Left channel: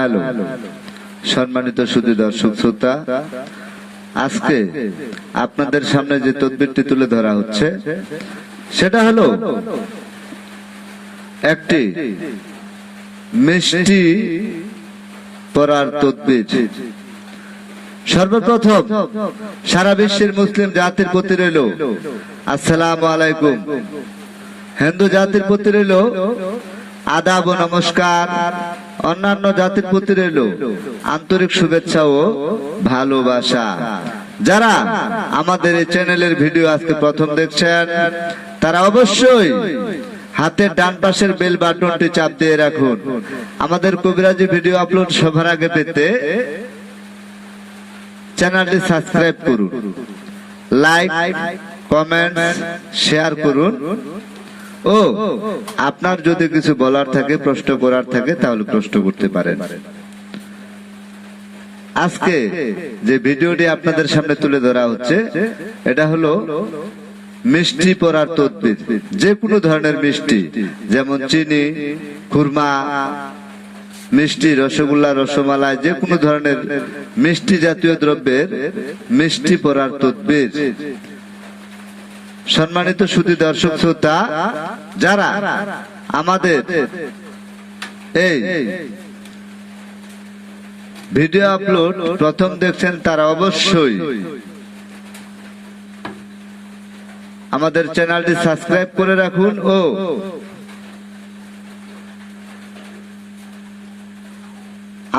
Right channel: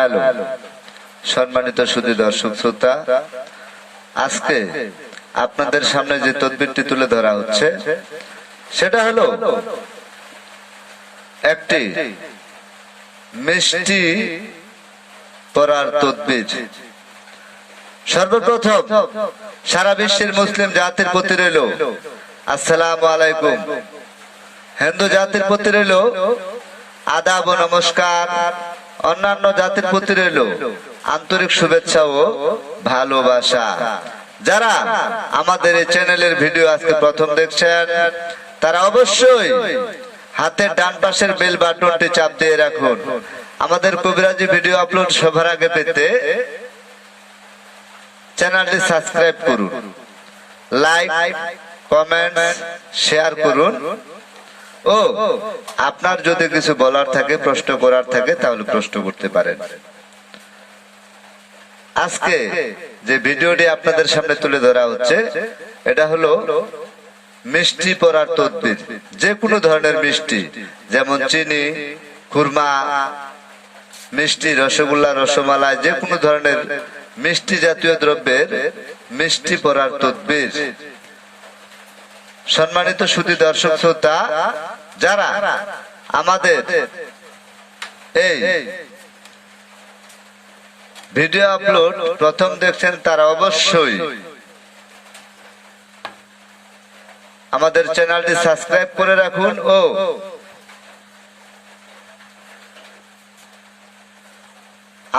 Hello সম্মানিত সুধী দর্শক শ্রোতা, আজকে আপনাদের সামনে যে তদবিরটি তুলে ধরা হচ্ছে সেটা হলো একটি মিষ্টি পড়ার তদবির। সর্বপ্রথম সারা বিশ্বের মুসলিম জাতির প্রতি রইল আসসালামু আলাইকুম, হিন্দু জাতির প্রতি রইল আদাব ও নমস্কার, অন্যান্য জাতির প্রতি রইল আন্তরিক শুভেচ্ছা ও ভালোবাসা। যারা আমাদের এই চ্যানেলের ভিডিও আজকে প্রথম দেখছেন তারা অবশ্যই হাতের ডান পাশের বেল বাটনটি চাপ দিয়ে রাখুন। আমাদের কবিরাজি ভিডিও আপলোড সবার আগে পেতে চ্যানেলটি সাবস্ক্রাইব করুন, লাইক কমেন্ট শেয়ার করুন ও আপনার যদি কিছু বলার থাকে, প্রশ্ন করার থাকে তাহলে প্রশ্ন করতে পারেন। আজকে যে ভিডিওটি আপনাদের সামনে তুলে ধরা হচ্ছে এটা হলো মিষ্টি পড়ার তদবির। যে কোনো ধরনের মিষ্টি, যেমন চিনি, খুরমা মিষ্টি, রসগোল্লা, রসমালাই, যে কোনো ধরনের মিষ্টি জাতীয় দ্রব্যের মিষ্টি পড়ার তদবির। সম্মানিত সুধী দর্শক শ্রোতা, যারা আমাদের এই ভিডিও আপলোড প্রথম দেখছেন তারা অবশ্যই আমাদের চ্যানেলটি সাবস্ক্রাইব করে রাখুন ও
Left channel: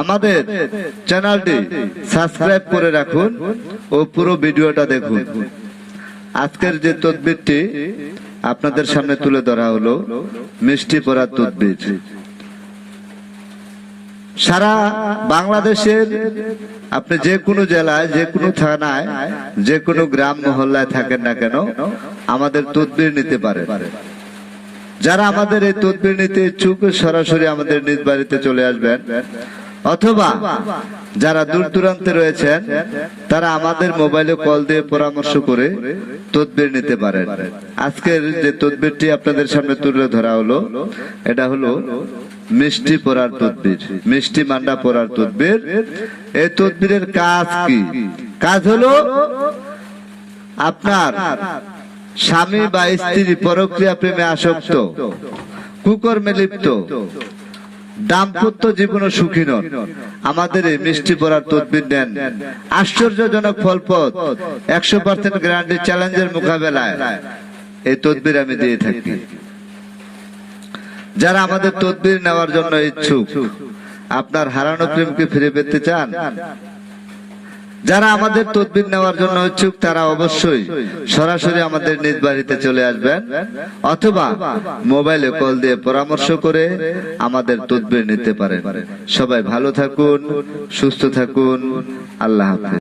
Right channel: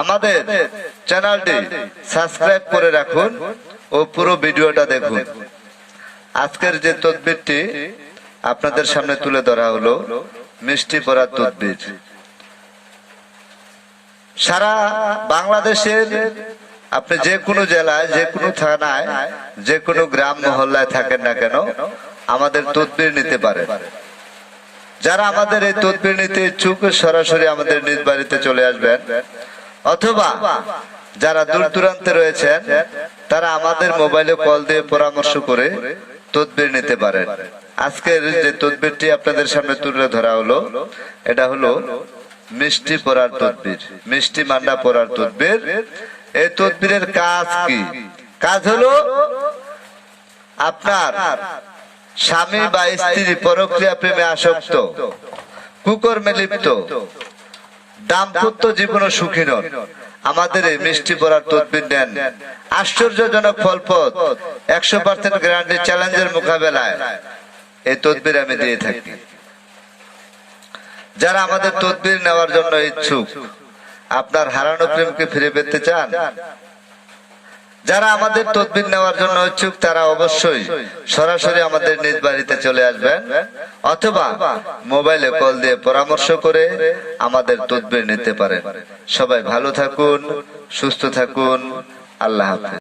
আমাদের চ্যানেলটি সাবস্ক্রাইব করে রাখুন ও পুরো ভিডিওটা দেখুন। আজকের যে তদবিরটি আপনাদের সামনে তুলে ধরা হলো মিষ্টি পড়ার তদবির। সারা বাংলাদেশের আপনি যে কোনো জেলায়, যে কোনো থানায়, যে কোনো গ্রাম মহল্লায় থাকেন না কেন আমাদের তদবির নিতে পারেন। যারা আমাদের এই তদবির নিতে ইচ্ছুক সরাসরি আমাদের নিজ বাড়িতে চলে আসবেন, অথবা যারা দূর দূরান্তে রয়েছেন তারা আমাদের মোবাইলে কল দিয়ে পরামর্শ করে তদবির নিতে পারেন। আজকের যে তদবিরটি আপনাদের সামনে তুলে ধরা হলো এটা হলো মিষ্টি পড়ার তদবির, মিষ্টি মান্ডা পড়ার তদবির। এই তদবিরের কাজ কি? কাজ হলো আপনার স্বামী বা স্ত্রী পরক্রিয়া প্রেমে আসক্ত, কুকর্মে লিপ্ত, দাম্পত্য জীবন সুখী নন, আমাদের এই মিষ্টি পড়ার তদবির নেন। আশ্চর্যজনক ফলপ্রদ 100% গ্যারান্টি চ্যালেঞ্জের মোকাবেলায় এই তদবির আমি দিয়ে থাকি। যারা আমাদের তদবির নেওয়ার জন্য ইচ্ছুক, আপনার হারানো প্রেমকে ফিরে পেতে চান, যারা আমাদের তদবির নেওয়ার জন্য ইচ্ছুক তারা অবশ্যই সরাসরি আমাদের নিজ বাড়িতে চলে আসবেন, অথবা মোবাইলে কল দিয়ে পরামর্শ করে আমাদের তদবির নিতে পারেন। সবাই ভালো থাকুন, সুস্থ থাকুন, আল্লাহ হাফেজ।